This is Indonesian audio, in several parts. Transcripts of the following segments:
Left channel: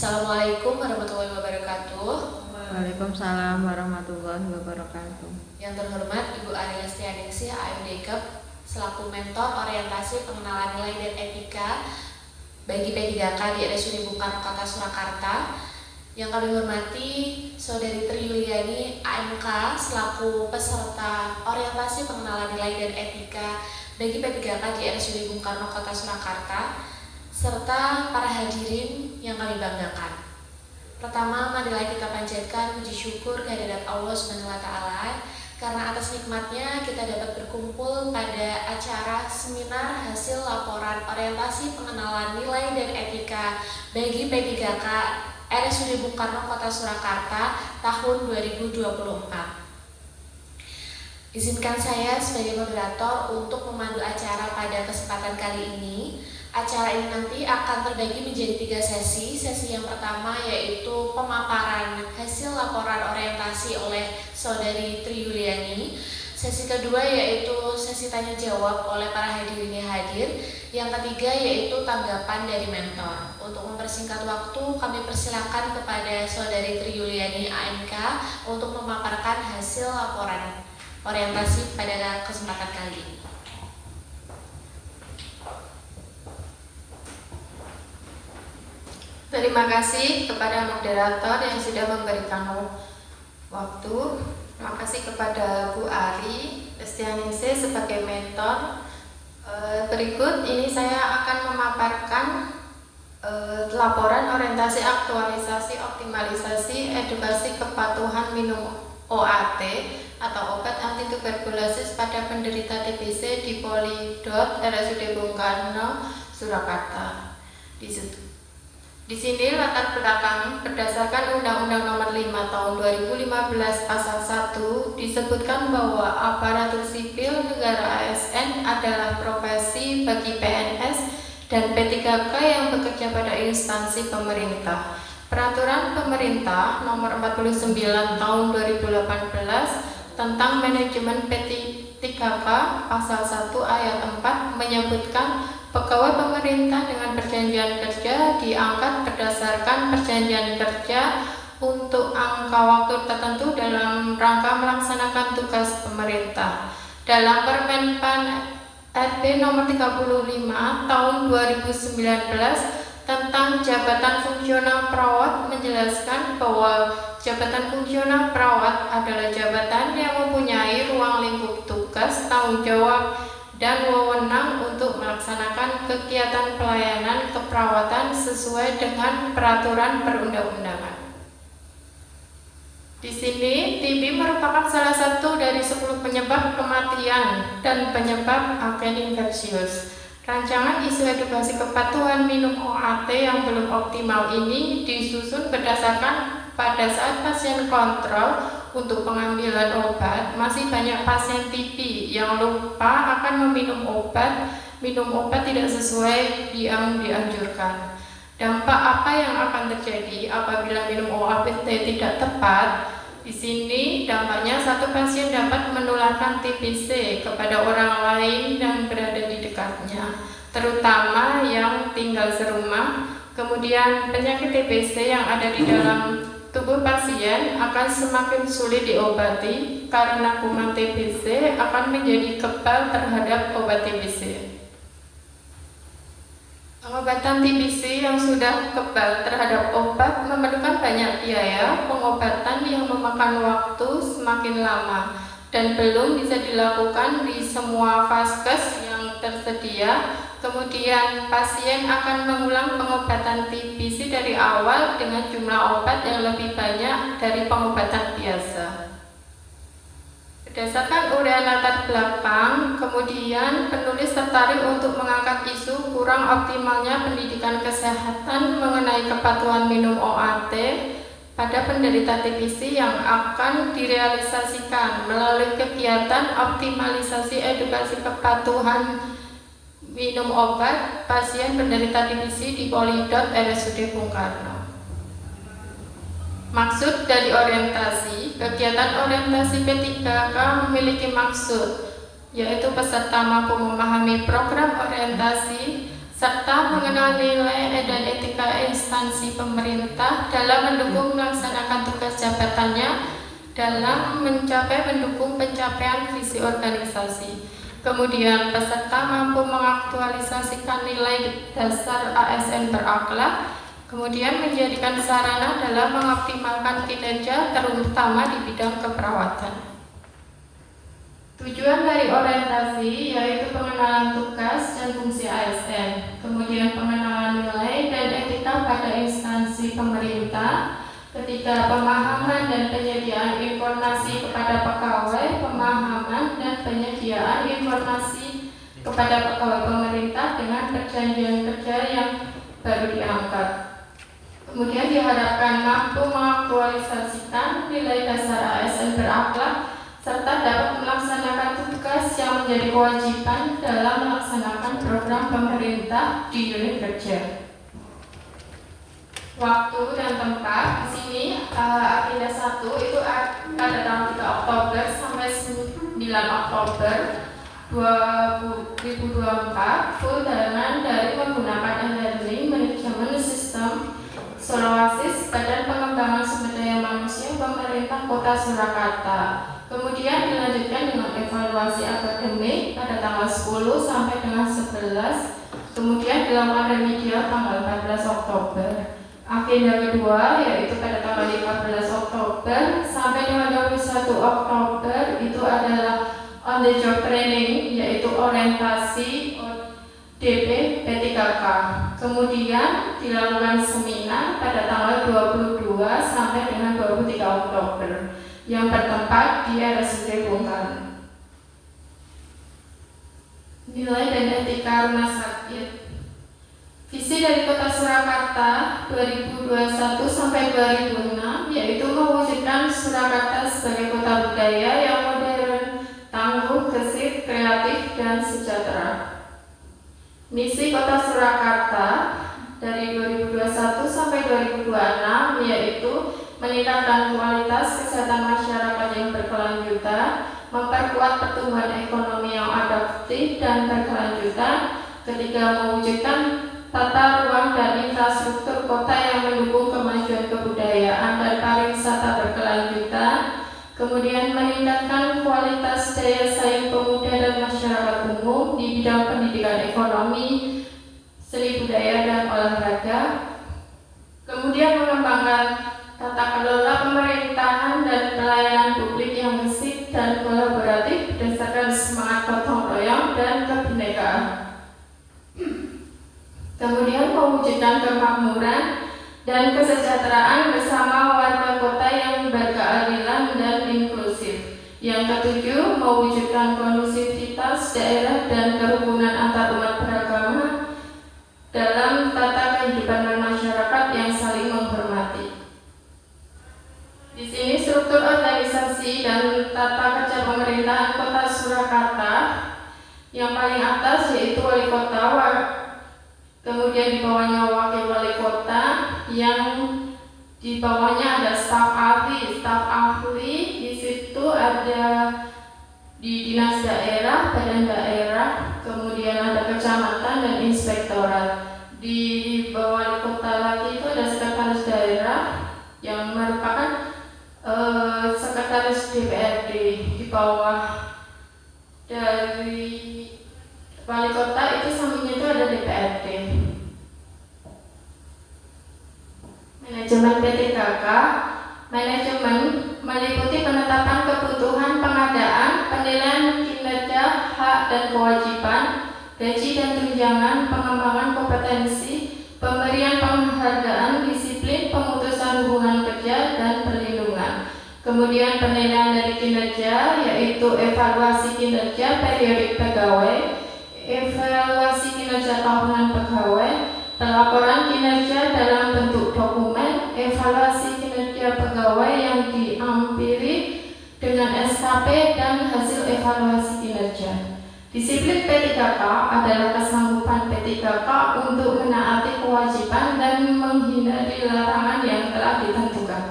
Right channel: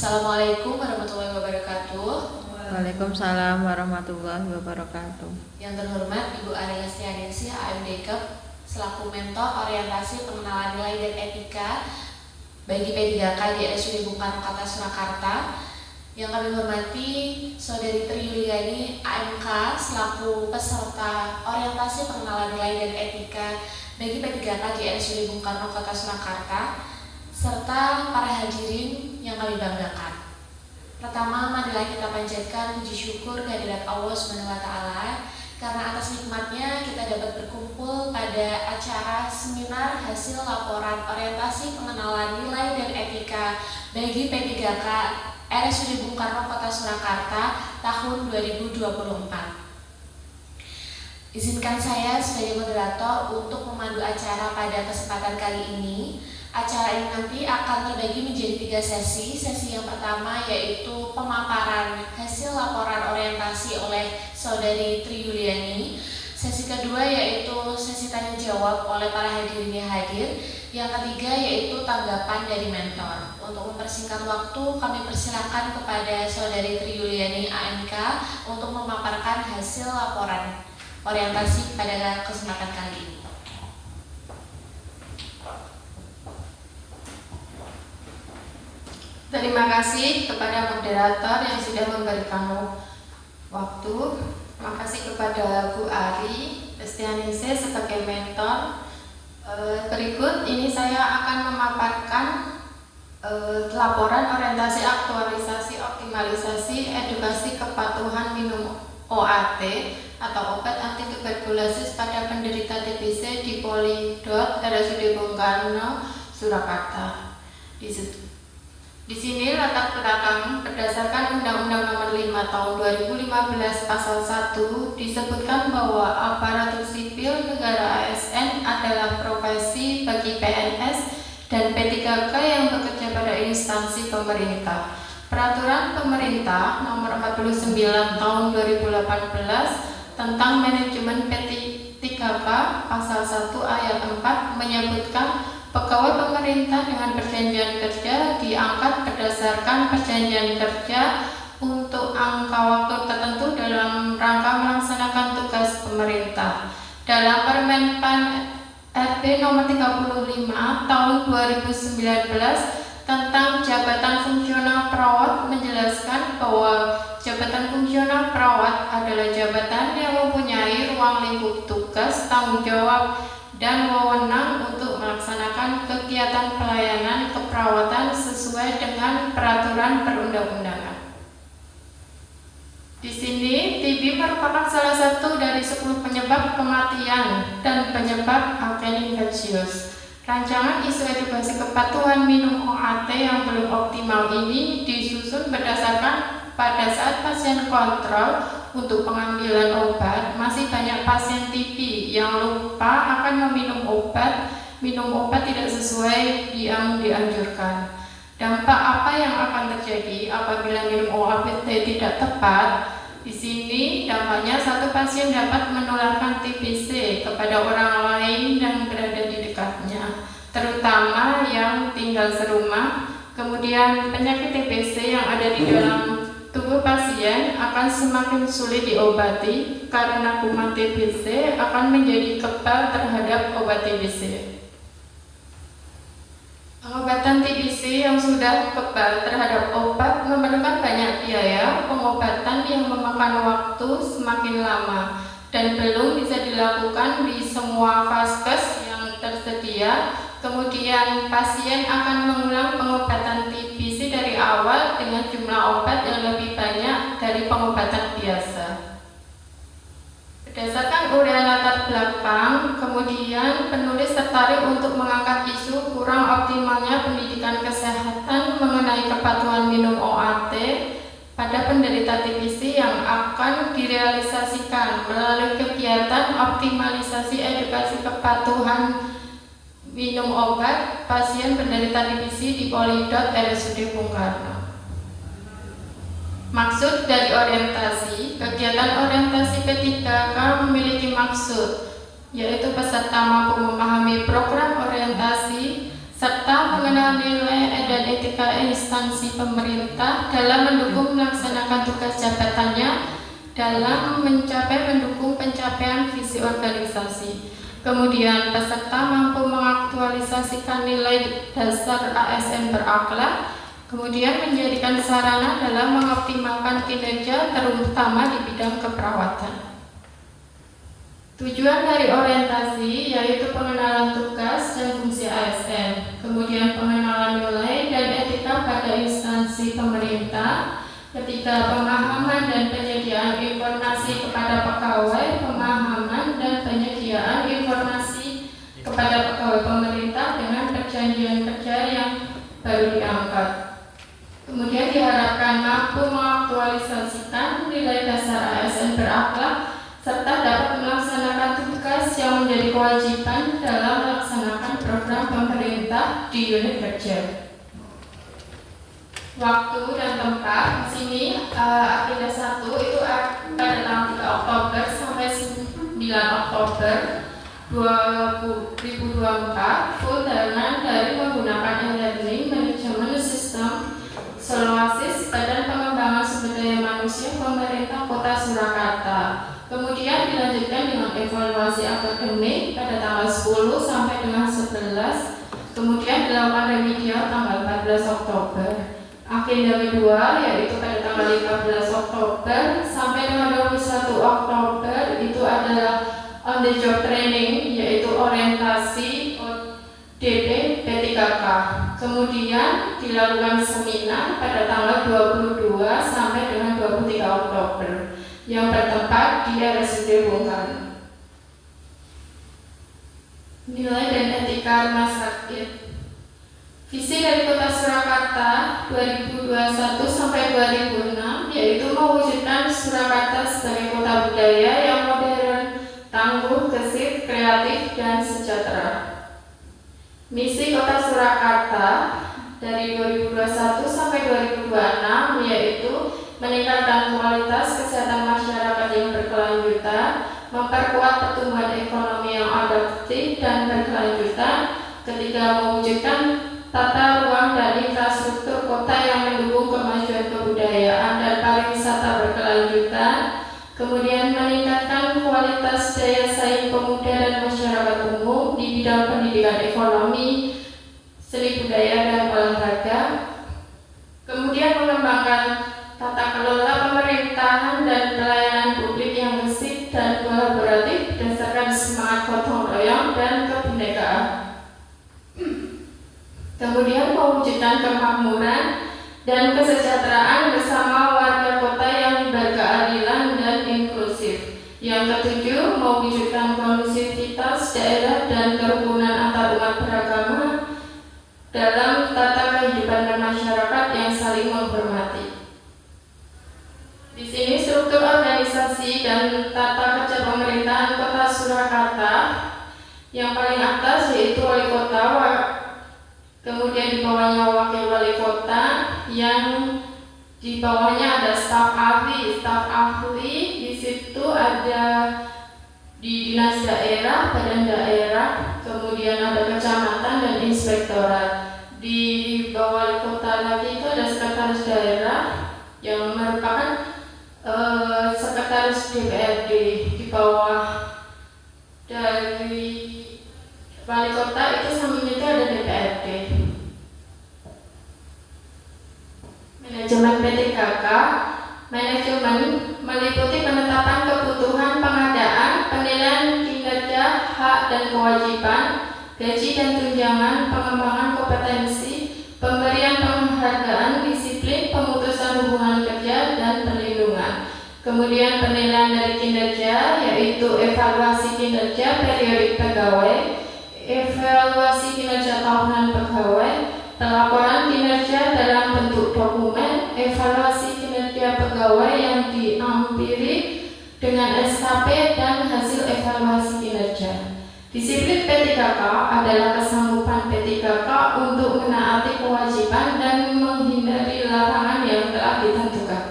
Assalamualaikum warahmatullahi wabarakatuh. Waalaikumsalam warahmatullahi wabarakatuh. Yang terhormat Ibu Arya Stianingsih AMDKEP selaku mentor orientasi pengenalan nilai dan etika bagi P3K di RSUD Bung Karno Kota Surakarta. Yang kami hormati Saudari Tri Yuliani AMK selaku peserta orientasi pengenalan nilai dan etika bagi P3K di RSUD Bung Karno Kota Surakarta, serta para hadirin yang kami banggakan. Pertama, marilah kita panjatkan puji syukur kehadirat Allah SWT karena atas nikmatnya kita dapat berkumpul pada acara seminar hasil laporan orientasi pengenalan nilai dan etika bagi P3K RSUD Bung Karno Kota Surakarta tahun 2024. Izinkan saya sebagai moderator untuk memandu acara pada kesempatan kali ini. Acara ini nanti akan terbagi menjadi 3 sesi. Sesi yang pertama yaitu pemaparan hasil laporan orientasi oleh Saudari Tri Yuliani. Sesi kedua yaitu sesi tanya jawab oleh para hadirin yang hadir. Yang ketiga yaitu tanggapan dari mentor. Untuk mempersingkat waktu, kami persilakan kepada Saudari Tri Yuliani AMK untuk memaparkan hasil laporan orientasi pada kesempatan kali ini. Terima kasih kepada moderator yang sudah memberikan waktu. Terima kasih kepada Bu Ari Stianingsih sebagai mentor. Berikut ini saya akan memaparkan laporan orientasi aktualisasi optimalisasi edukasi kepatuhan minum OAT atau obat anti tuberkulosis pada penderita TBC di Polidot RSUD Bung Karno Surakarta. Di sini latar belakang berdasarkan Undang-Undang Nomor 5 Tahun 2015 Pasal 1 disebutkan bahwa aparatur sipil negara ASN adalah profesi bagi PNS dan P3K yang bekerja pada instansi pemerintah. Peraturan Pemerintah Nomor 49 Tahun 2018 tentang manajemen P3K Pasal 1 Ayat 4 menyebutkan pegawai pemerintah dengan perjanjian kerja diangkat berdasarkan perjanjian kerja untuk angka waktu tertentu dalam rangka melaksanakan tugas pemerintah. Dalam Permenpan RB nomor 35 tahun 2019 tentang jabatan fungsional perawat menjelaskan bahwa jabatan fungsional perawat adalah jabatan yang mempunyai ruang lingkup tugas, tanggung jawab, dan wewenang untuk melaksanakan kegiatan pelayanan keperawatan sesuai dengan peraturan perundang-undangan. Di sini, TB merupakan salah satu dari 10 penyebab kematian dan penyebab alken infeksius. Rancangan isu edukasi kepatuhan minum OAT yang belum optimal ini disusun berdasarkan pada saat pasien kontrol untuk pengambilan obat, masih banyak pasien TB yang lupa akan meminum obat tidak sesuai yang dianjurkan. Dampak apa yang akan terjadi apabila minum OAT tidak tepat? Di sini dampaknya satu pasien dapat menularkan TBC kepada orang lain yang berada di dekatnya, terutama yang tinggal serumah. Kemudian penyakit TBC yang ada di dalam tubuh pasien akan semakin sulit diobati karena kuman TBC akan menjadi kebal terhadap obat TBC. Pengobatan TBC yang sudah kebal terhadap obat memerlukan banyak biaya pengobatan yang memakan waktu semakin lama dan belum bisa dilakukan di semua vaskes yang tersedia. Kemudian pasien akan mengulang pengobatan TBC dari awal dengan jumlah obat yang lebih banyak dari pengobatan biasa. Berdasarkan uraian latar belakang, kemudian penulis tertarik untuk mengangkat isu kurang optimalnya pendidikan kesehatan mengenai kepatuhan minum OAT pada penderita TBC yang akan direalisasikan melalui kegiatan optimalisasi edukasi kepatuhan minum obat pasien penderita TBC di Polidot RSUD Bung Karno. Maksud dari orientasi, kegiatan orientasi P3K memiliki maksud, yaitu peserta mampu memahami program orientasi serta mengenal nilai dan etika instansi pemerintah dalam mendukung melaksanakan tugas jabatannya dalam mendukung pencapaian visi organisasi. Kemudian peserta mampu mengaktualisasikan nilai dasar ASN berakhlak, kemudian menjadikan sarana dalam mengoptimalkan kinerja terutama di bidang keperawatan. Tujuan dari orientasi yaitu pengenalan tugas dan fungsi ASN, kemudian pengenalan nilai dan etika pada instansi pemerintah, ketiga pemahaman dan penyediaan informasi kepada pegawai, pemahaman dan penyediaan informasi kepada pegawai pemerintah dengan perjanjian kerja yang baru diangkat. Kemudian diharapkan mampu mengaktualisasikan nilai dasar ASN berakhlak serta dapat melaksanakan tugas yang menjadi kewajiban dalam melaksanakan program pemerintah di unit kerja. Waktu dan tempat di sini agenda 1 itu pada tanggal 3 Oktober sampai 9 Oktober 2024 undangan dari menggunakan e-learning manajemen sistem Solowasis Badan Pengembangan Sumber Daya Manusia Pemerintah Kota Surakarta. Kemudian dilanjutkan dengan evaluasi akademik pada tanggal 10 sampai dengan 11. Kemudian dilakukan remedial tanggal 14 Oktober. Agenda kedua yaitu pada tanggal 15 Oktober sampai dengan 21 Oktober itu adalah on the job training yaitu orientasi ODP P3K. Kemudian dilakukan seminar pada tanggal 22 sampai dengan 23 Oktober yang bertempat di RSUD Bung Karno. Nilai dan etika rumah sakit. Visi dari Kota Surakarta 2021 sampai 2006 yaitu mewujudkan Surakarta sebagai kota budaya yang modern, tangguh, gesit, kreatif, dan sejahtera. Misi Kota Surakarta dari 2021 sampai 2026 yaitu meningkatkan kualitas kesehatan masyarakat yang berkelanjutan, memperkuat pertumbuhan ekonomi yang adaptif dan berkelanjutan, ketiga mewujudkan tata ruang dan infrastruktur kota yang mendukung kemajuan kebudayaan dan pariwisata berkelanjutan, kemudian meningkatkan kualitas daya saing pemuda dan masyarakat umum di bidang pendidikan ekonomi, seni budaya dan olahraga, kemudian mengembangkan tata kelola pemerintahan dan pelayanan publik yang gesit dan kolaboratif berdasarkan semangat gotong royong dan kebinekaan. Kemudian mewujudkan kemakmuran dan kesejahteraan bersama warga kota yang berkeadilan dan inklusif. Yang ketujuh, mewujudkan kondusivitas daerah dan kerukunan antar umat beragama dalam tata kehidupan bermasyarakat yang saling menghormati. Di sini struktur organisasi dan tata kerja pemerintahan Kota Surakarta. Yang paling atas yaitu wali kota, kemudian di bawahnya wakil wali kota, yang di bawahnya ada staf ahli. Di situ ada di dinas daerah, badan daerah, kemudian ada kecamatan dan inspektorat. Di bawah wali kota lagi itu ada sekretaris daerah yang merupakan sekretaris DPRD. Di bawah dari wali kota itu sampingnya itu ada DPRD. Manajemen P3K. Manajemen meliputi penetapan kebutuhan, pengadaan, penilaian kinerja, hak dan kewajiban, gaji dan tunjangan, pengembangan kompetensi, pemberian penghargaan, disiplin, pemutusan hubungan kerja, dan perlindungan. Kemudian penilaian dari kinerja yaitu evaluasi kinerja periodik pegawai, evaluasi kinerja tahunan pegawai, pelaporan kinerja dalam bentuk dokumen, evaluasi kinerja pegawai yang diampiri dengan SKP dan hasil evaluasi kinerja. Disiplin P3K adalah kesanggupan P3K untuk menaati kewajiban dan menghindari larangan yang telah ditentukan.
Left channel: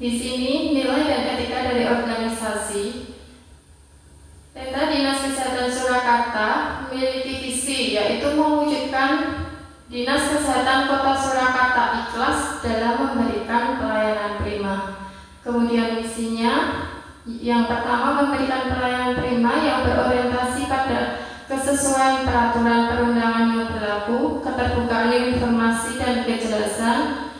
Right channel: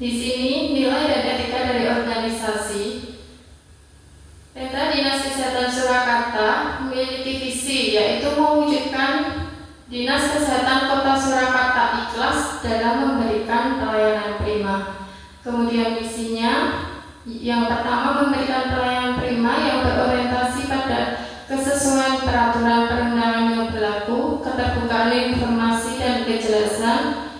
Di sini nilai dan etika dari organisasi. Peta Dinas Kesehatan Surakarta memiliki visi yaitu mewujudkan Dinas Kesehatan Kota Surakarta ikhlas dalam memberikan pelayanan prima. Kemudian misinya, yang pertama memberikan pelayanan prima yang berorientasi pada kesesuaian peraturan perundangan yang berlaku, keterbukaan informasi dan kejelasan,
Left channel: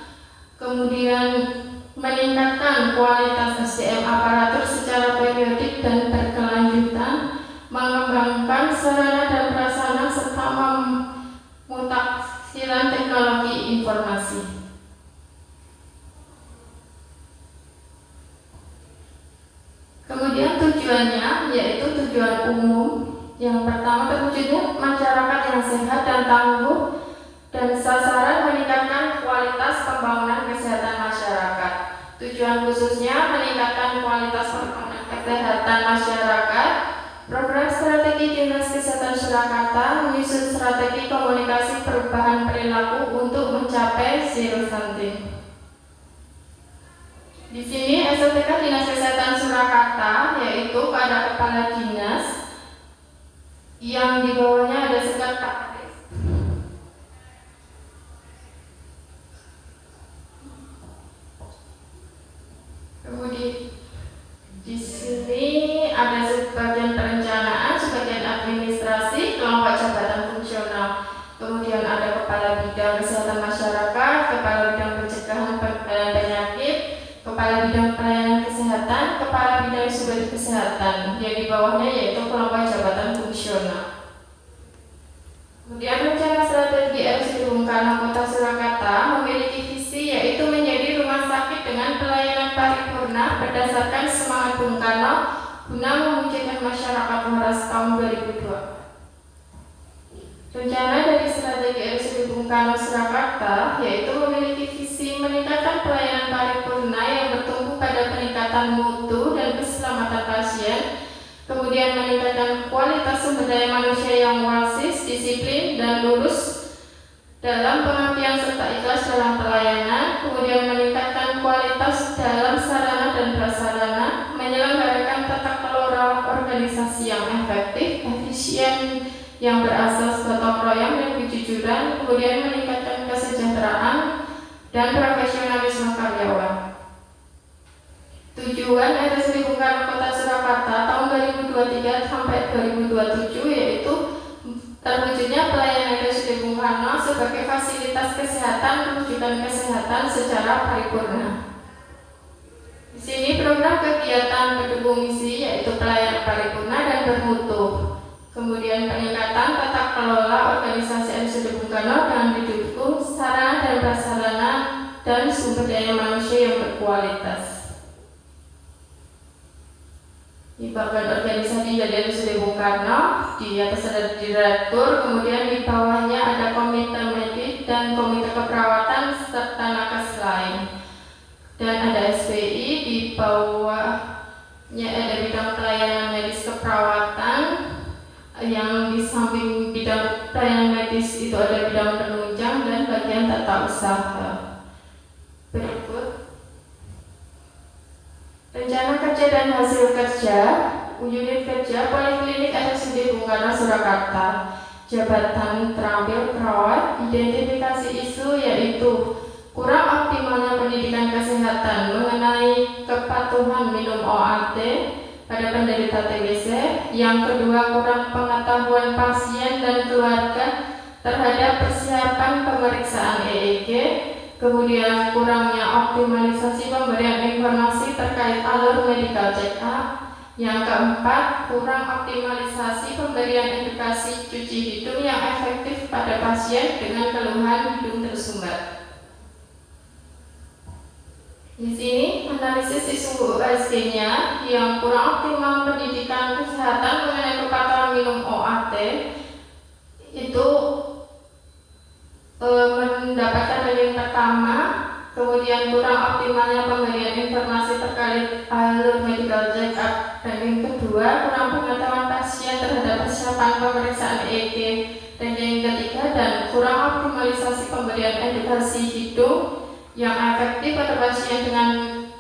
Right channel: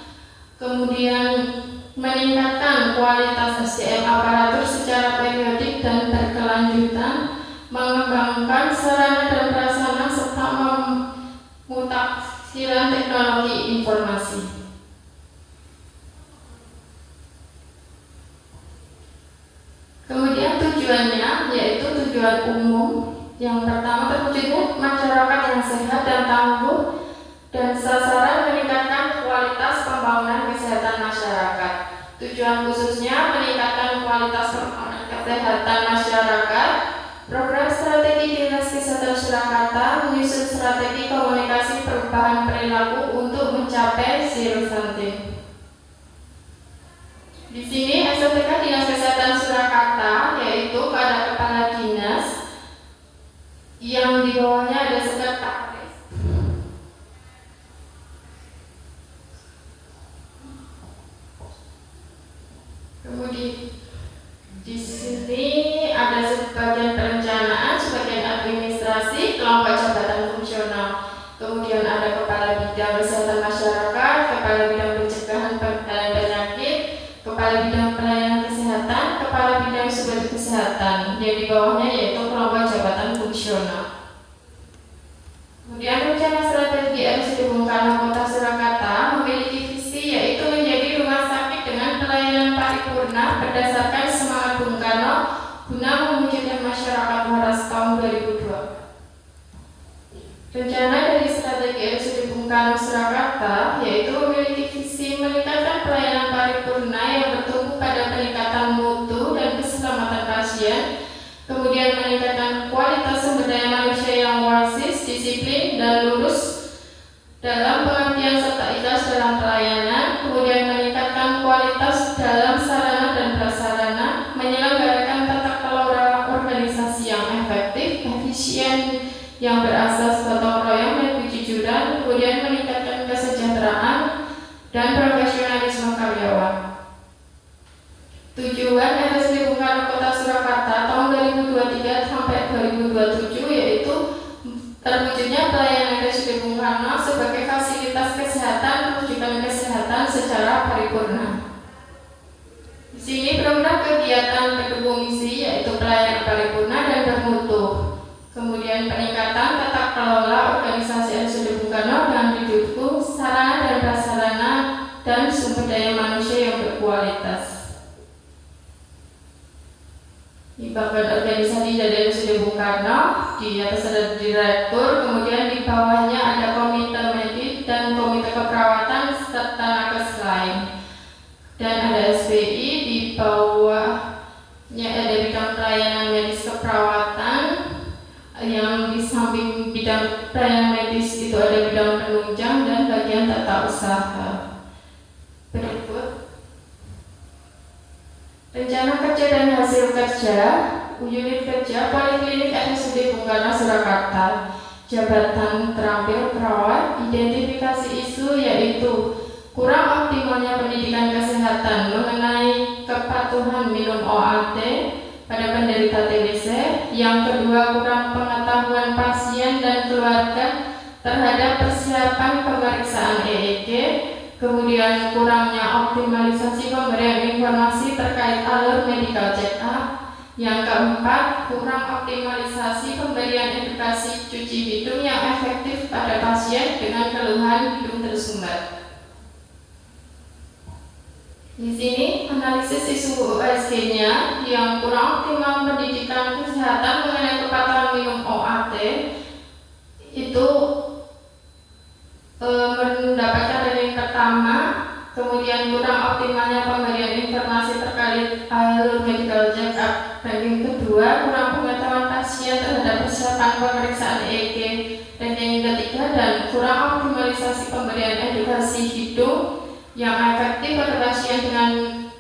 kemudian meningkatkan kualitas SDM aparatur secara periodik dan berkelanjutan, mengembangkan sarana dan prasarana serta memutakhirkan teknologi informasi. Kemudian tujuannya yaitu tujuan umum. Yang pertama, terwujudnya masyarakat yang sehat dan tangguh, dan sasaran meningkatkan kualitas pembangunan kesehatan masyarakat. Tujuan khususnya meningkatkan kualitas pembangunan kesehatan masyarakat. Program strategi Dinas Kesehatan Surakarta menyusun strategi komunikasi perubahan perilaku untuk mencapai zero stunting. Di sini SOTK Dinas Kesehatan Surakarta yaitu pada kepala dinas yang di bawahnya ada sekretaris. Kemudian di sini ada sebagian perencanaan, sebagian administrasi, kelompok jabatan fungsional. Kemudian ada kepala bidang kesehatan masyarakat, kepala bidang pencegahan penyakit, kepala bidang pelayanan kesehatan, kepala bidang sumber kesehatan. Yang di bawahnya yaitu kelompok jabatan fungsional. Kemudian rencana strategi RSUD Bung Karno Kota Surakarta memiliki visi yaitu menjadi rumah sakit dengan pelayanan paripurna berdasarkan semangat Bung Karno guna mewujudkan masyarakat waras tahun 2002. Rencana dari strategi RSUD Bung Karno Surakarta yaitu memiliki visi meningkatkan pelayanan paripurna yang bertumpu pada peningkatan mutu dan keselamatan pasien, kemudian meningkatkan kualitas sumber daya manusia yang wasis, disiplin, dan lurus dalam pengabdian serta ikhlas dalam pelayanan, kemudian meningkatkan kualitas dalam sarana dan prasarana, menyelenggarakan tata kelola organisasi yang efektif, efisien, yang berasas gotong royong dan kejujuran, kemudian meningkatkan kesejahteraan dan profesionalisme karyawan. Tujuan RSUD Bung Karno Kota Surakarta tahun 2023 sampai 2027 yaitu terwujudnya pelayanan RSUD Bung Karno sebagai fasilitas kesehatan rujukan kesehatan secara paripurna. Di sini program kegiatan pendukung misi yaitu pelayanan paripurna dan bermutu. Kemudian peningkatan tata kelola organisasi RSUD Bung Karno dengan didukung sarana dan prasarana dan sumber daya manusia yang berkualitas. Di bagian organisasi dari RSUD Bung Karno, di atas ada direktur, kemudian di bawahnya ada komite medis dan komite keperawatan serta nakes lain. Dan ada SPI, di bawahnya ada bidang pelayanan medis keperawatan, yang di samping bidang pelayanan medis itu ada bidang penunjang dan bagian tata usaha. Berikut rencana kerja dan hasil kerja unit kerja Poliklinik RSUD Bung Karno Surakarta. Jabatan terampil perawat, identifikasi isu yaitu kurang optimalnya pendidikan kesehatan mengenai kepatuhan minum OAT pada penderita TBC. Yang kedua, kurang pengetahuan pasien dan keluarga terhadap persiapan pemeriksaan EEG. Kemudian kurangnya optimalisasi pemberian informasi terkait alur medical check up. Yang keempat, kurang optimalisasi pemberian edukasi cuci hidung yang efektif pada pasien dengan keluhan hidung tersumbat. Di sini analisis isu USG-nya yang kurang optimal pendidikan kesehatan mengenai kepatuhan minum OAT itu mendapatkan ranking pertama, kemudian kurang optimalnya pemberian informasi terkait alur medical check-up ranking kedua, kurang pengetahuan pasien terhadap persiapan pemeriksaan EEG ranking ketiga, dan kurang optimalisasi pemberian edukasi hidung yang efektif pada pasien dengan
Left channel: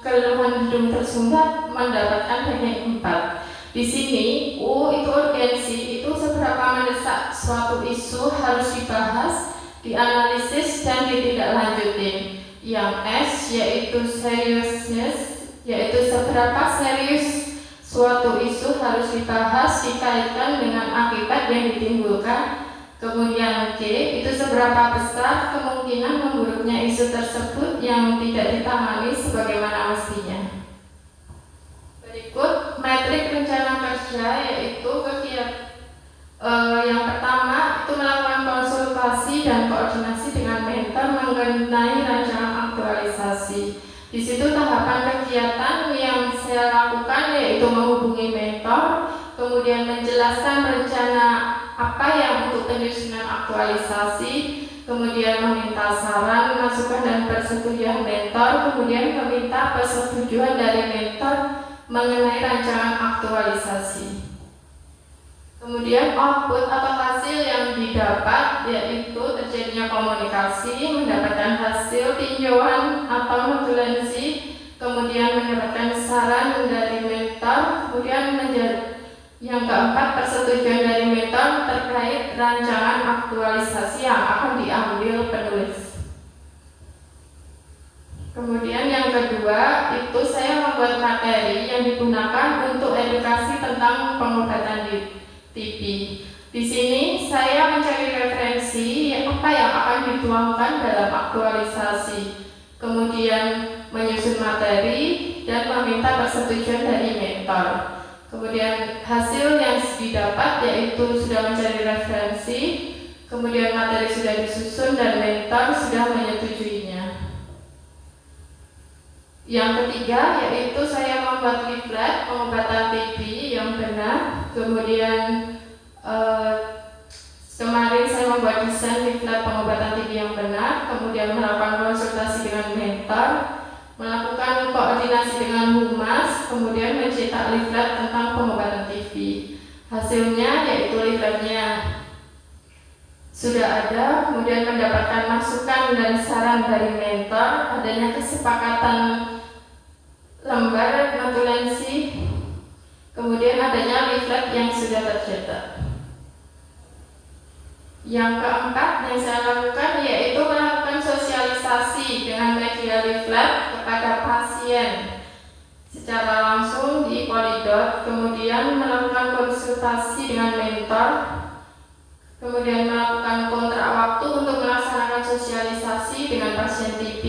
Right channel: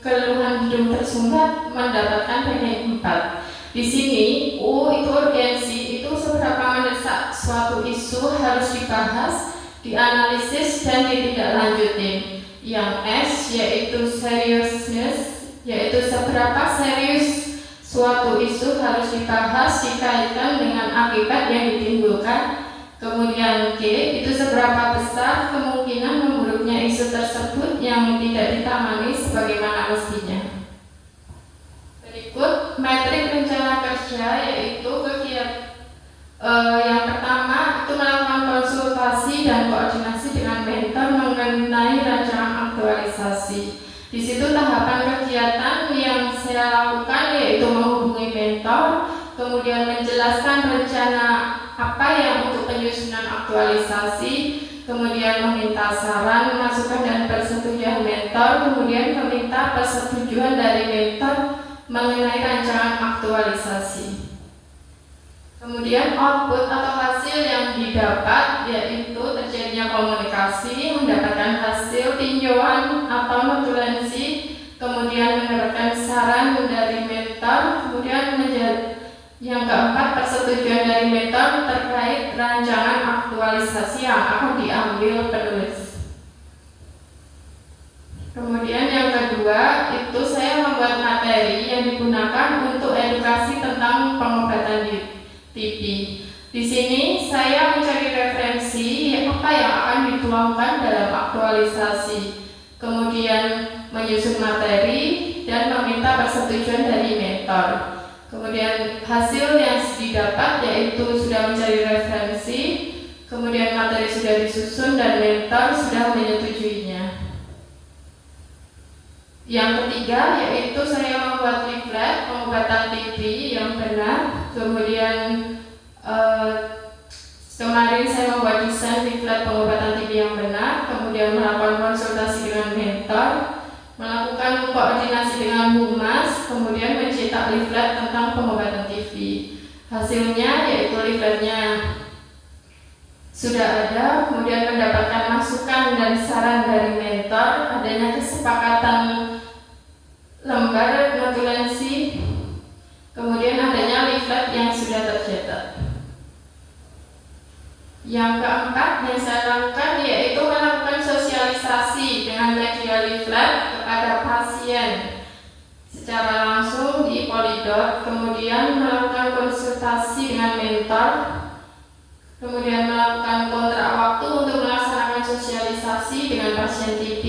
keluhan hidung tersumbat mendapatkan ranking 4. Di sini U itu urgensi, itu seberapa mendesak suatu isu harus dibahas dianalisis dan ditindaklanjuti. Yang S yaitu seriousness, yaitu seberapa serius suatu isu harus dibahas dikaitkan dengan akibat yang ditimbulkan. Kemudian G itu seberapa besar kemungkinan memburuknya isu tersebut yang tidak ditangani sebagaimana mestinya. Berikut metrik rencana kerja, yaitu yang pertama itu melakukan konsultasi dan koordinasi dengan mentor mengenai rancangan aktualisasi. Di situ tahapan kegiatan yang saya lakukan yaitu menghubungi mentor, kemudian menjelaskan rencana apa yang untuk penyusunan aktualisasi, kemudian meminta saran, masukan dan persetujuan mentor, kemudian meminta persetujuan dari mentor mengenai rancangan aktualisasi. Kemudian output atau hasil yang didapat yaitu terjadinya komunikasi, mendapatkan hasil tinjauan atau notulensi, kemudian mendapatkan saran dari mentor, kemudian yang keempat persetujuan dari mentor terkait rancangan aktualisasi yang akan diambil penulis. Kemudian yang kedua itu saya membuat materi yang digunakan untuk edukasi tentang pengobatan TB. Di sini saya mencari referensi apa yang akan dituangkan dalam aktualisasi, kemudian menyusun materi dan meminta persetujuan dari mentor. Kemudian hasil yang didapat yaitu sudah mencari referensi, kemudian materi sudah disusun dan mentor sudah menyetujuinya. Yang ketiga yaitu saya membuat leaflet pengobatan TB yang benar. Kemudian kemarin saya membuat desain leaflet pengobatan TB yang benar, kemudian melakukan konsultasi dengan mentor, melakukan koordinasi dengan humas, kemudian mencetak leaflet tentang pengobatan TB. Hasilnya yaitu leafletnya sudah ada, kemudian mendapatkan masukan dan saran dari mentor, adanya kesepakatan lembar notulensi, kemudian adanya leaflet yang sudah tercetak. Yang keempat yang saya lakukan yaitu melakukan sosialisasi dengan media leaflet kepada pasien secara langsung di Polidot, kemudian melakukan konsultasi dengan mentor, kemudian melakukan kontrak waktu untuk melaksanakan sosialisasi dengan pasien TB,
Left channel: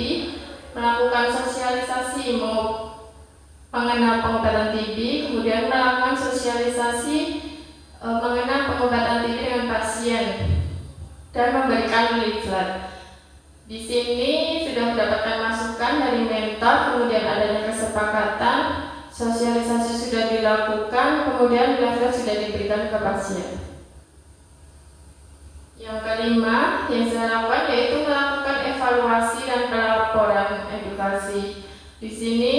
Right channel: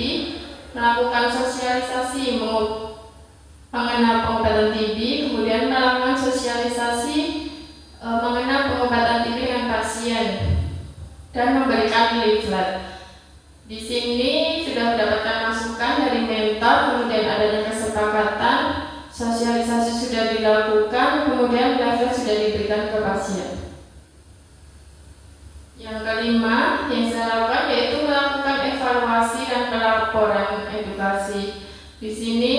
melakukan sosialisasi mengenal pengobatan TB, kemudian melakukan sosialisasi mengenal pengobatan TB dengan pasien dan memberikan leaflet. Di sini sudah mendapatkan masukan dari mentor, kemudian adanya kesepakatan, sosialisasi sudah dilakukan, kemudian leaflet sudah diberikan ke pasien. Yang kelima yang saya lakukan yaitu melakukan evaluasi dan pelaporan edukasi. Di sini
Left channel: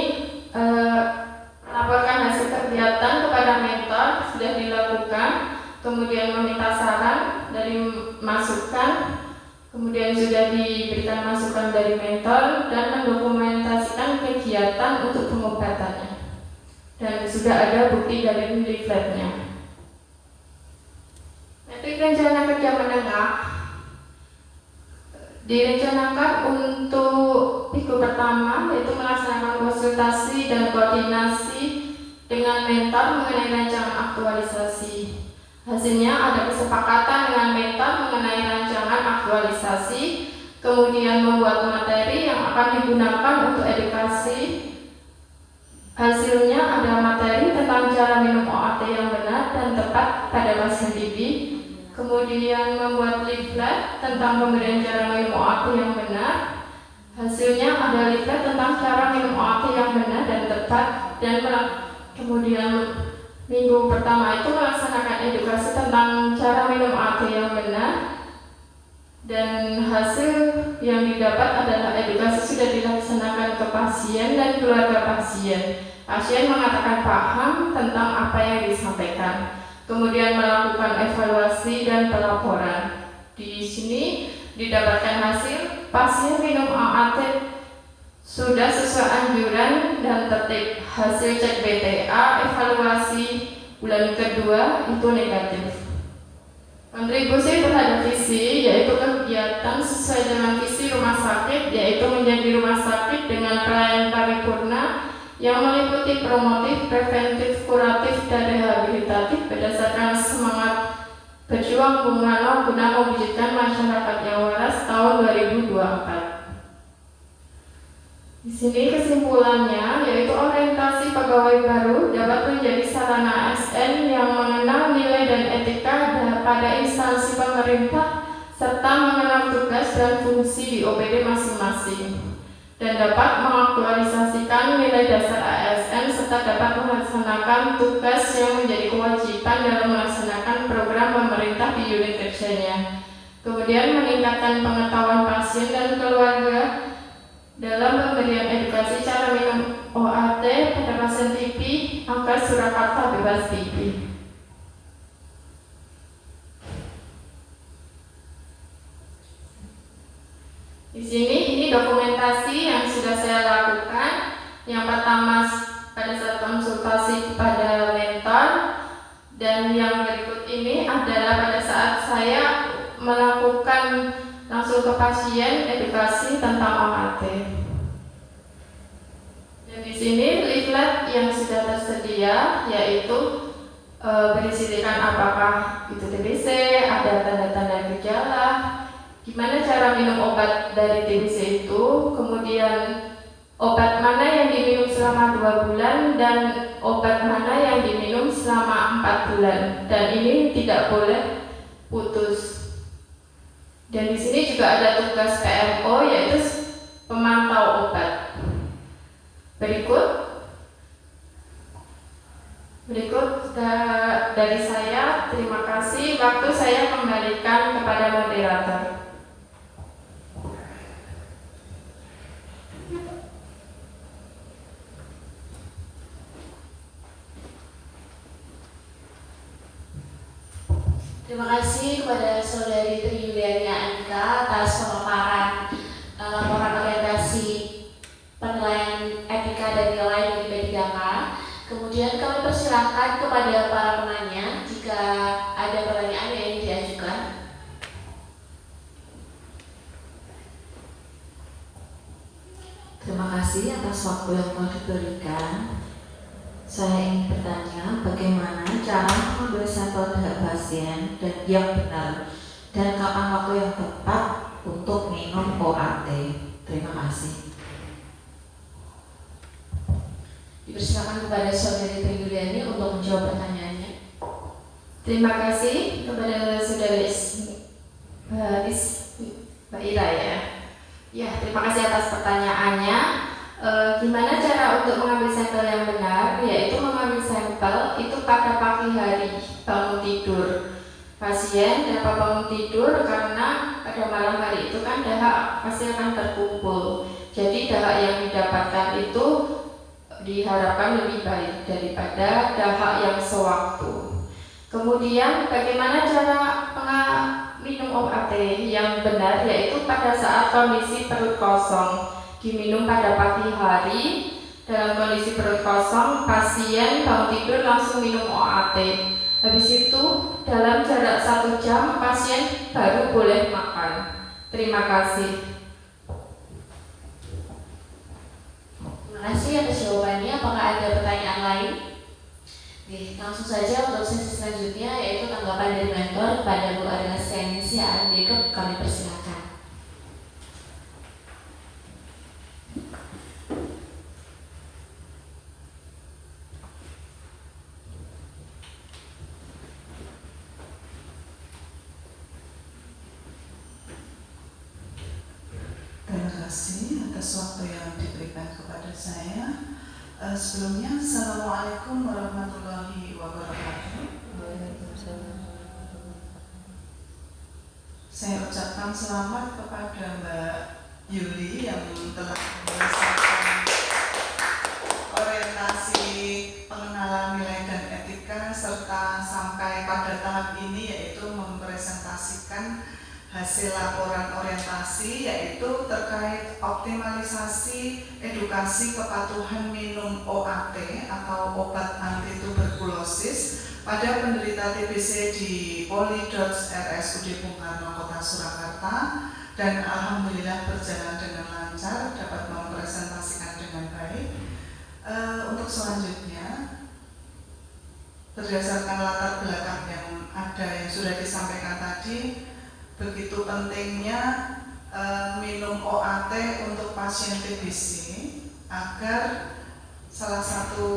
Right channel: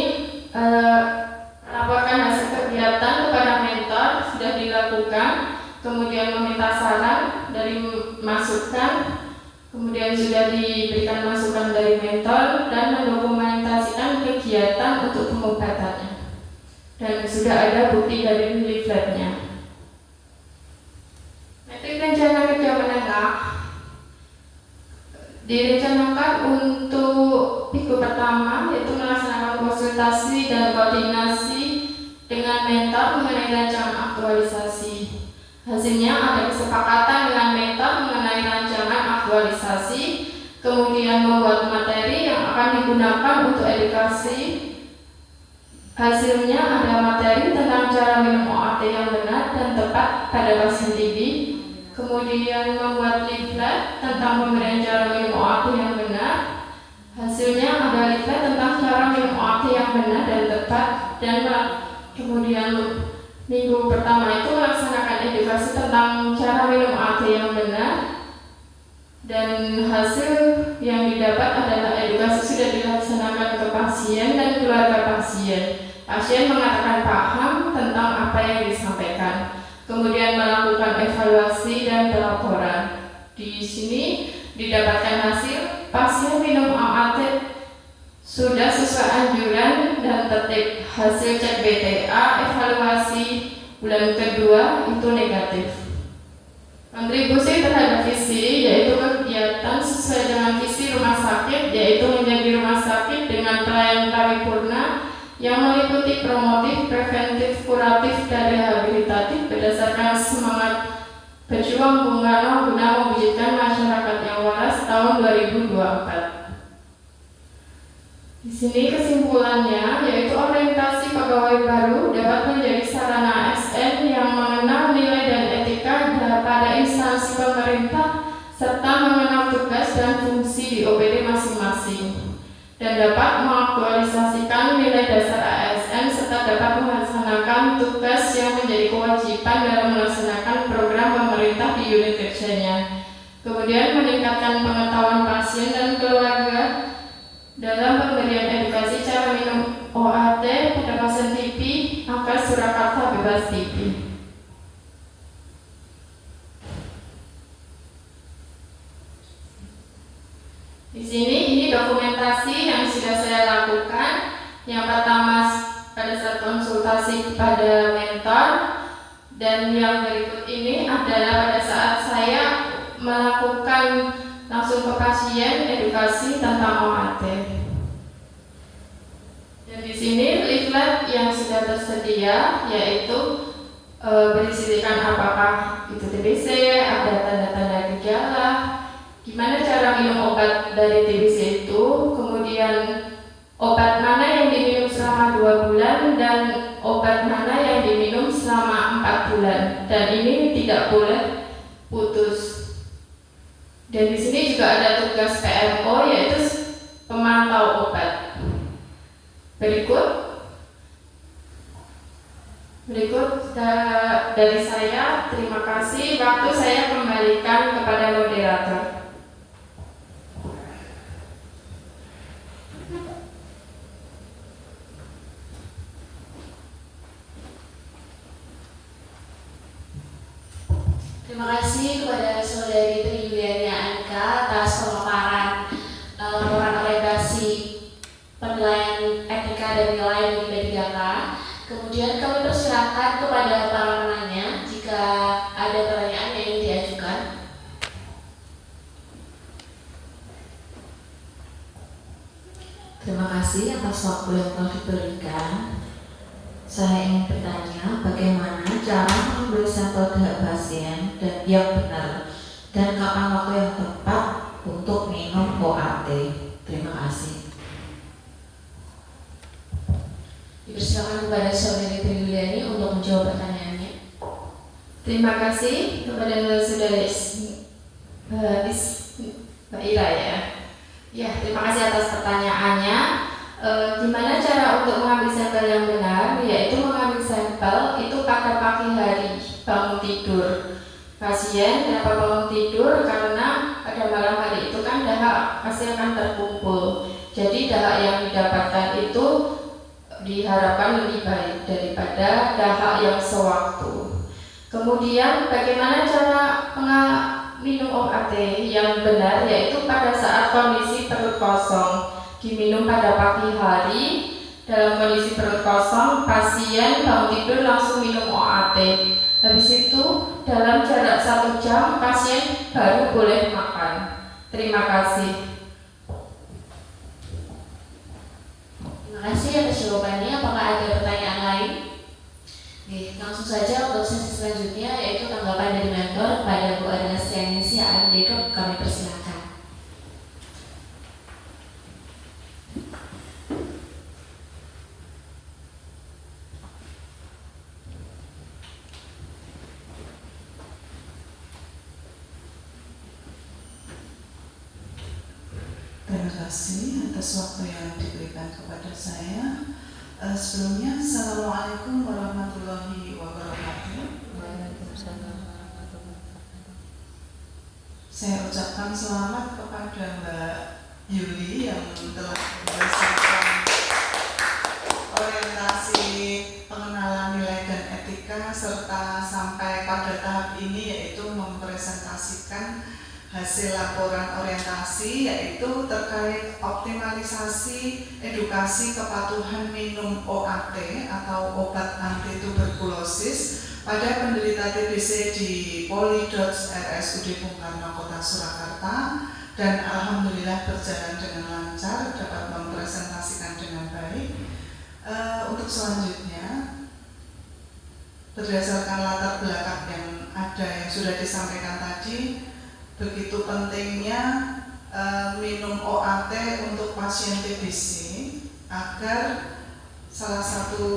melaporkan hasil kegiatan kepada mentor sudah dilakukan, kemudian meminta saran dari masukan, kemudian sudah diberikan masukan dari mentor dan mendokumentasikan kegiatan untuk pengobatannya, dan sudah ada bukti dari leafletnya. Metrik rencana kerja menengah direncanakan untuk minggu pertama yaitu melaksanakan konsultasi dan koordinasi dengan mentor mengenai rancangan aktualisasi. Hasilnya ada kesepakatan dengan mentor mengenai rancangan aktualisasi, kemudian membuat materi yang akan digunakan untuk edukasi. Hasilnya ada materi tentang cara minum OAT yang benar dan tepat pada pasien TB, kemudian membuat leaflet tentang pemberian cara minum OAT yang benar. Hasilnya ada leaflet tentang cara minum OAT yang benar dan tepat, dan kemudian minggu pertama itu melaksanakan edukasi tentang cara minum OAT yang benar, dan hasil yang didapat adalah edukasi sudah dilaksanakan ke pasien dan keluarga pasien. Pasien mengatakan paham tentang apa yang disampaikan, kemudian melakukan evaluasi dan pelaporan. Di sini didapatkan hasil pasien minum OAT sudah sesuai anjuran dan tertib. Hasil cek BTA evaluasi bulan kedua itu negatif. Kontribusi terhadap visi yaitu kegiatan sesuai dengan visi rumah sakit, yaitu menjadi rumah sakit dengan pelayanan paripurna yang meliputi promotif, preventif, kuratif, dan rehabilitatif berdasarkan semangat berjuang Bung Karno guna mewujudkan masyarakat yang waras tahun 2024. Di sini kesimpulannya yaitu orientasi pegawai baru dapat menjadi sarana ASN yang mengenal nilai dan etika pada instansi pemerintah serta mengenal tugas dan fungsi di OPD masing-masing dan dapat mengaktualisasikan nilai dasar ASN serta dapat melaksanakan tugas yang menjadi kewajiban dalam melaksanakan program pemerintah di unit kerjanya. Kemudian meningkatkan pengetahuan pasien dan keluarga dalam pemberian edukasi cara minum OAT pada pasien TB agar Surakarta bebas TB. Di sini ini dokumentasi yang sudah saya lakukan. Yang pertama pada saat konsultasi kepada mentor, dan yang berikut ini adalah pada saat saya melakukan langsung ke pasien edukasi tentang OAT. Dan di sini leaflet yang sudah tersedia yaitu berisikan apakah itu TBC, ada tanda-tanda gejala, gimana cara minum obat dari TBC itu, kemudian obat mana yang diminum selama 2 bulan dan obat mana yang diminum selama 4 bulan, dan ini tidak boleh putus. Dan di sini juga ada tugas PMO yaitu pemantau obat. Berikut dari saya, terima kasih. Waktu saya kembalikan kepada moderator. Terima kasih kepada Saudari Tri Yuliani Anika atas pemaparan laporan orientasi penilaian etika dan nilai bagi P3K. Kemudian kami persilakan kepada para penanya jika ada pertanyaan yang ingin diajukan. Terima kasih atas waktu yang telah diberikan. Saya ingin bertanya bagaimana cara mengambil sampel darah pasien dan yang benar, dan kapan waktu yang tepat untuk minum OAT. Terima kasih. Dipersilakan kepada Saudari Tri Yuliani untuk menjawab pertanyaannya. Terima kasih kepada Saudari Mbak Ira ya. Ya, terima kasih atas pertanyaannya. Gimana cara untuk mengambil sampel yang benar? Yaitu mengambil sampel itu pada pagi hari bangun tidur. Pasien dapat bangun tidur karena pada malam hari itu kan dahak pasti akan terkumpul. Jadi dahak yang didapatkan itu diharapkan lebih baik daripada dahak yang sewaktu. Kemudian bagaimana cara minum OAT yang benar? Yaitu pada saat kondisi perut kosong. Diminum pada pagi hari. Dalam kondisi perut kosong, pasien bangun tidur langsung minum OAT. Habis itu dalam jarak 1 jam pasien baru boleh makan. Terima kasih. Terima kasih atas jawabannya. Apakah ada pertanyaan lain? Oke, langsung saja untuk sesi selanjutnya yaitu tanggapan dari mentor kepada Bu Adela Stianingsi AMD. Kami persilakan. Terima kasih atas waktu yang diberikan kepada saya. Sebelumnya, Assalamualaikum warahmatullahi wabarakatuh. Saya ucapkan selamat kepada Mbak Yuli yang telah menyelesaikan orientasi pengenalan nilai dan etika serta sampai pada tahap ini yaitu mempresentasikan hasil laporan orientasi, yaitu terkait optimalisasi edukasi kepatuhan minum OAT atau obat anti tuberkulosis pada penderita TBC di Polidots RSUD Bung Karno Kota Surakarta, dan alhamdulillah berjalan dengan lancar, dapat mempresentasikan dengan baik. Untuk selanjutnya, berdasarkan latar belakang yang ada yang sudah disampaikan tadi, begitu pentingnya minum OAT untuk pasien TBC, agar salah satu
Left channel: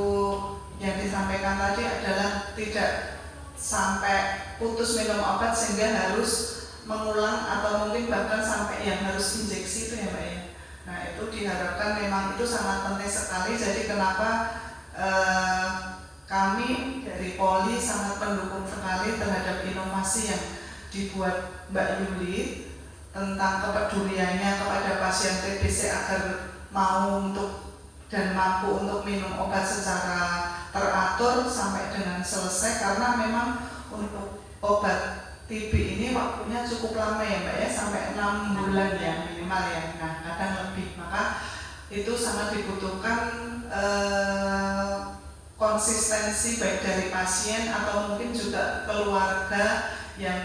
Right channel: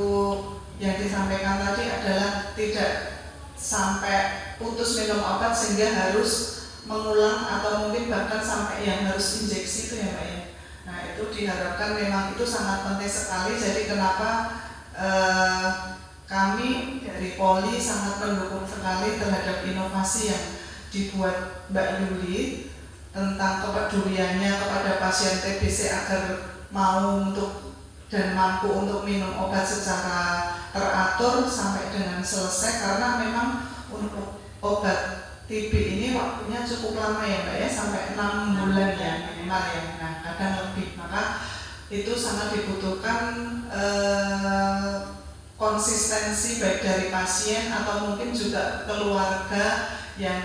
yang disampaikan tadi adalah tidak sampai putus minum obat sehingga harus mengulang atau mungkin bahkan sampai yang harus injeksi itu ya Mbak ya. Nah itu diharapkan memang itu sangat penting sekali. Jadi kenapa kami dari Poli sangat mendukung sekali terhadap inovasi yang dibuat Mbak Yuli tentang kepeduliannya kepada pasien TBC agar mau untuk dan mampu untuk minum obat secara teratur sampai dengan selesai, karena memang untuk obat TB ini waktunya cukup lama ya Mbak ya, sampai 6 bulan ya minimal ya, nah kadang lebih, maka itu sangat dibutuhkan konsistensi baik dari pasien atau mungkin juga keluarga yang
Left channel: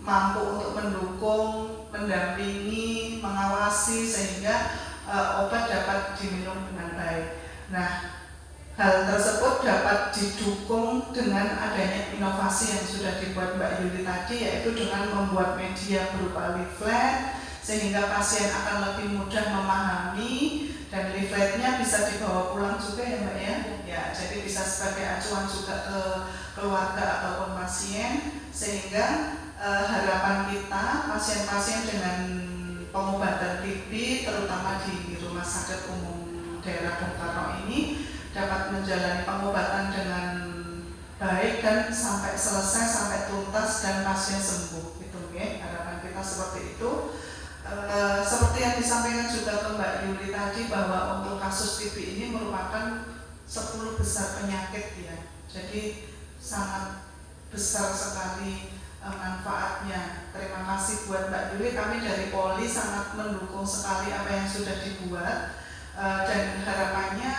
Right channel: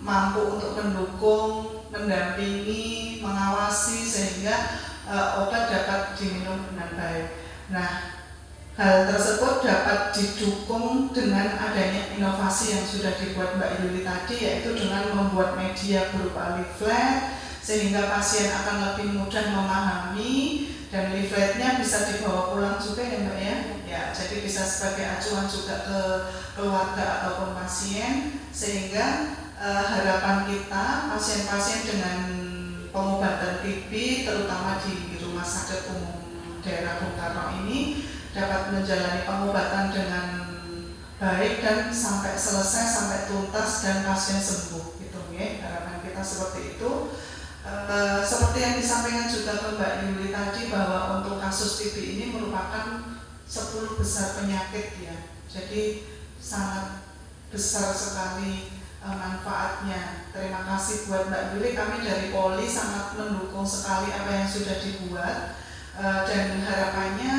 mampu untuk mendukung, mendampingi, mengawasi sehingga obat dapat diminum dengan baik. Nah, hal tersebut dapat didukung dengan adanya inovasi yang sudah dibuat Mbak Yuli tadi, yaitu dengan membuat media berupa leaflet sehingga pasien akan lebih mudah memahami, dan leafletnya bisa dibawa pulang juga ya Mbak ya. Ya, jadi bisa sebagai acuan juga ke keluarga ataupun pasien, sehingga harapan kita pasien-pasien dengan pengobatan TB terutama di Rumah Sakit Umum Daerah Bung Karno ini dapat menjalani pengobatan dengan baik dan sampai selesai, sampai tuntas dan pasien sembuh. Itu ya, harapan kita seperti itu. Seperti yang disampaikan juga ke Mbak Yuli tadi, bahwa untuk kasus TB ini merupakan 10 besar penyakit ya. Jadi sangat besar sekali manfaatnya. Terima kasih buat Mbak Yuli. Kami dari Poli sangat mendukung sekali apa yang sudah dibuat, dan harapannya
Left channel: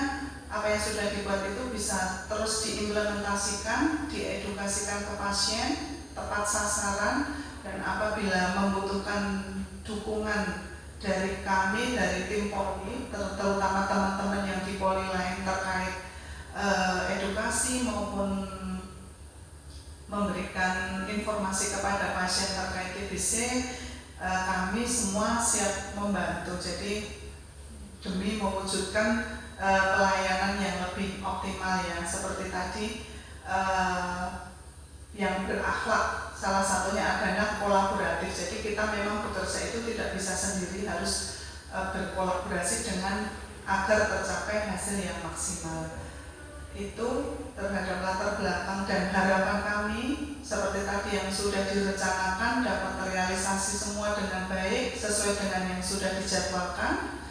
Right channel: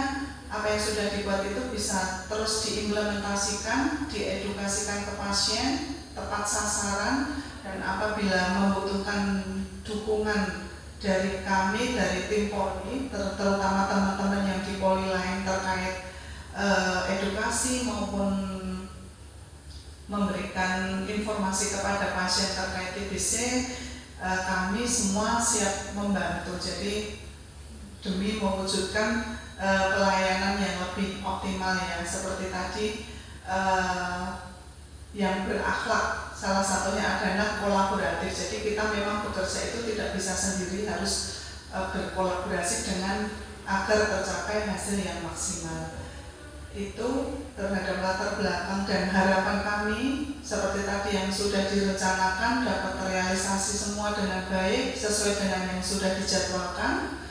apa yang sudah dibuat itu bisa terus diimplementasikan, diedukasikan ke pasien, tepat sasaran, dan apabila membutuhkan dukungan dari kami, dari tim Poli, terutama teman-teman yang di Poli lain terkait edukasi maupun memberikan informasi kepada pasien terkait TBC, kami semua siap membantu. Jadi demi mewujudkan pelayanan yang lebih optimal ya, seperti tadi yang berakhlak, salah satunya adalah kolaboratif. Jadi kita memang bekerja itu tidak bisa sendiri, harus berkolaborasi dengan agar tercapai hasil yang maksimal. Itu terhadap latar belakang dan harapan kami seperti tadi yang sudah direncanakan dapat terrealisasi semua dengan baik sesuai dengan yang sudah dijadwalkan,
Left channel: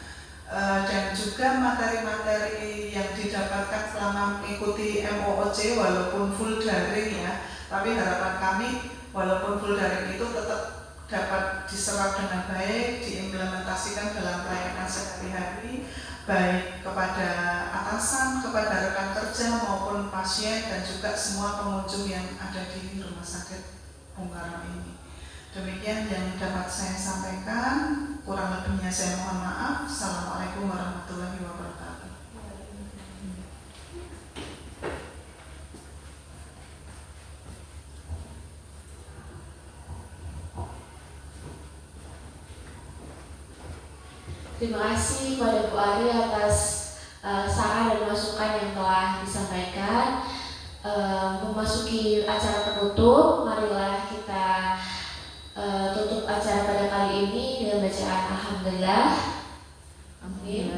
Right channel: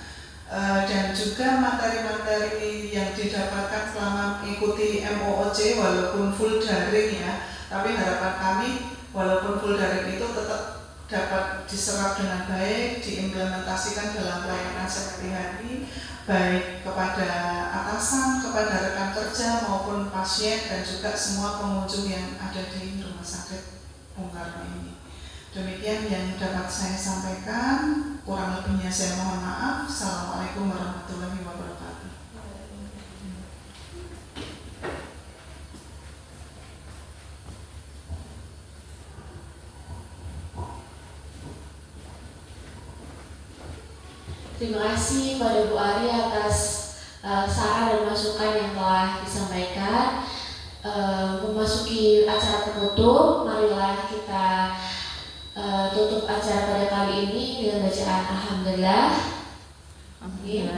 dan juga materi-materi yang didapatkan selama mengikuti MOOC walaupun full daring ya, tapi harapan kami walaupun full daring itu tetap dapat diserap dengan baik, diimplementasikan dalam pelayanan sehari-hari, baik kepada atasan, kepada rekan kerja maupun pasien, dan juga semua pengunjung yang ada di Rumah Sakit Bung Karno ini. Demikian yang dapat saya sampaikan, kurang lebihnya saya mohon maaf. Assalamualaikum warahmatullahi wabarakatuh. Terima kasih kepada Bu Ari atas saran dan masukan yang telah disampaikan. Memasuki acara penutup, marilah kita tutup acara pada kali ini dengan bacaan Alhamdulillah. Amin.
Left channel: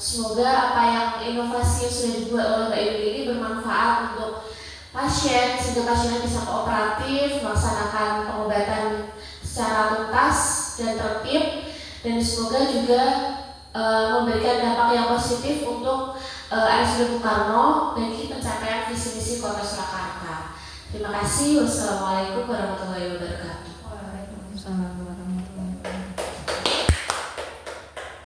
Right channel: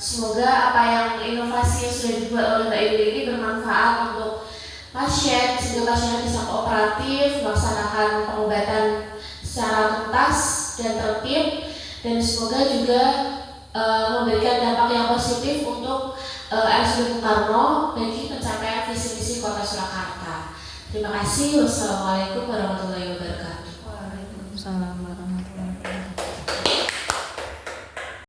Semoga apa yang inovasi yang sudah dibuat oleh Mbak Ibu ini bermanfaat untuk pasien, sehingga pasien bisa kooperatif melaksanakan pengobatan secara tuntas dan tertib, dan semoga juga memberikan dampak yang positif untuk RSUD Bung Karno bagi pencapaian visi misi Kota Surakarta. Terima kasih. Wassalamualaikum warahmatullahi wabarakatuh. Waalaikumsalam.